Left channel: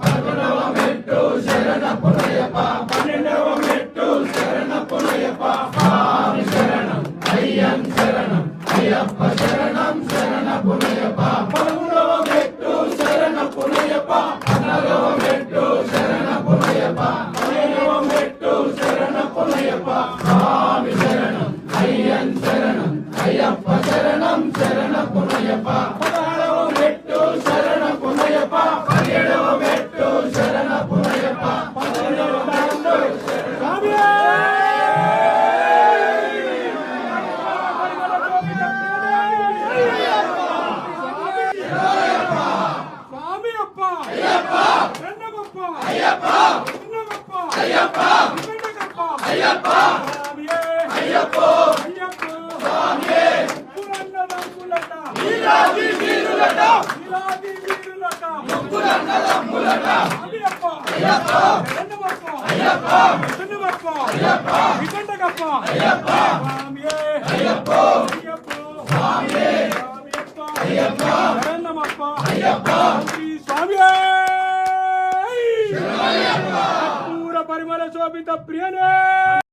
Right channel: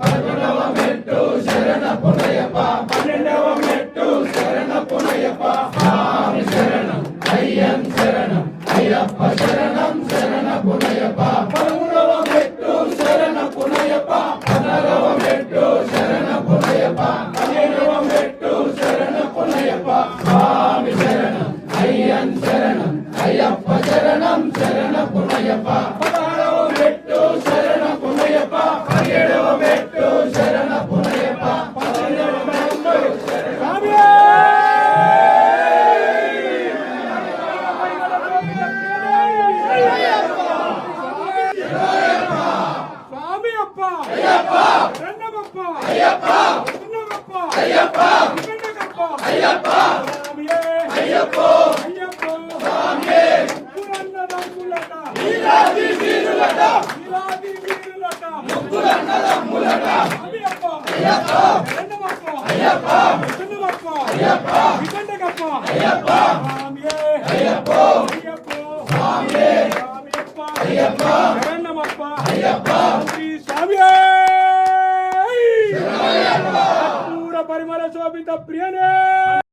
పదకొండవ మెట్టు శరణ పునయప్ప 12వ మెట్టు శరణ పునయప్ప స్వామి శరణం అయ్యం శరణం అయ్యప్ప శరణం శరణ పునయప్ప 13వ మెట్టు శరణ పునయప్ప 16వ మెట్టు శరణ పునయప్ప 17వ మెట్టు శరణ పునయప్ప స్వామి శరణం అయ్యం శరణం అయ్యప్ప శరణం శరణ పునయప్ప 16వ మెట్టు శరణ పునయప్ప 17వ మెట్టు శరణ పునయప్ప 18వ మెట్టు స్వామి అప్ప అయ్యప్ప రెండవప్ప అయ్యప్ప చిన్నవప్ప అయ్యప్ప రెండవప్ప అయ్యప్ప స్వామియే అయ్యప్ప అయ్యప్ప స్వామియే పురన్నదంకులట వీరాది వీరులట వీరాది వీరులట ముక్కులన్నదంకులట అయ్యప్ప అయ్యప్ప రెండవప్ప అయ్యప్ప చిన్నవప్ప అయ్యప్ప వికండకప్ప అయ్యప్ప స్వామియే అయ్యప్ప అయ్యప్ప స్వామియే స్వామియప్ప అయ్యప్ప రెండవప్ప అయ్యప్ప స్వామియే పూర పరిమళ శోభిత ప్రియనే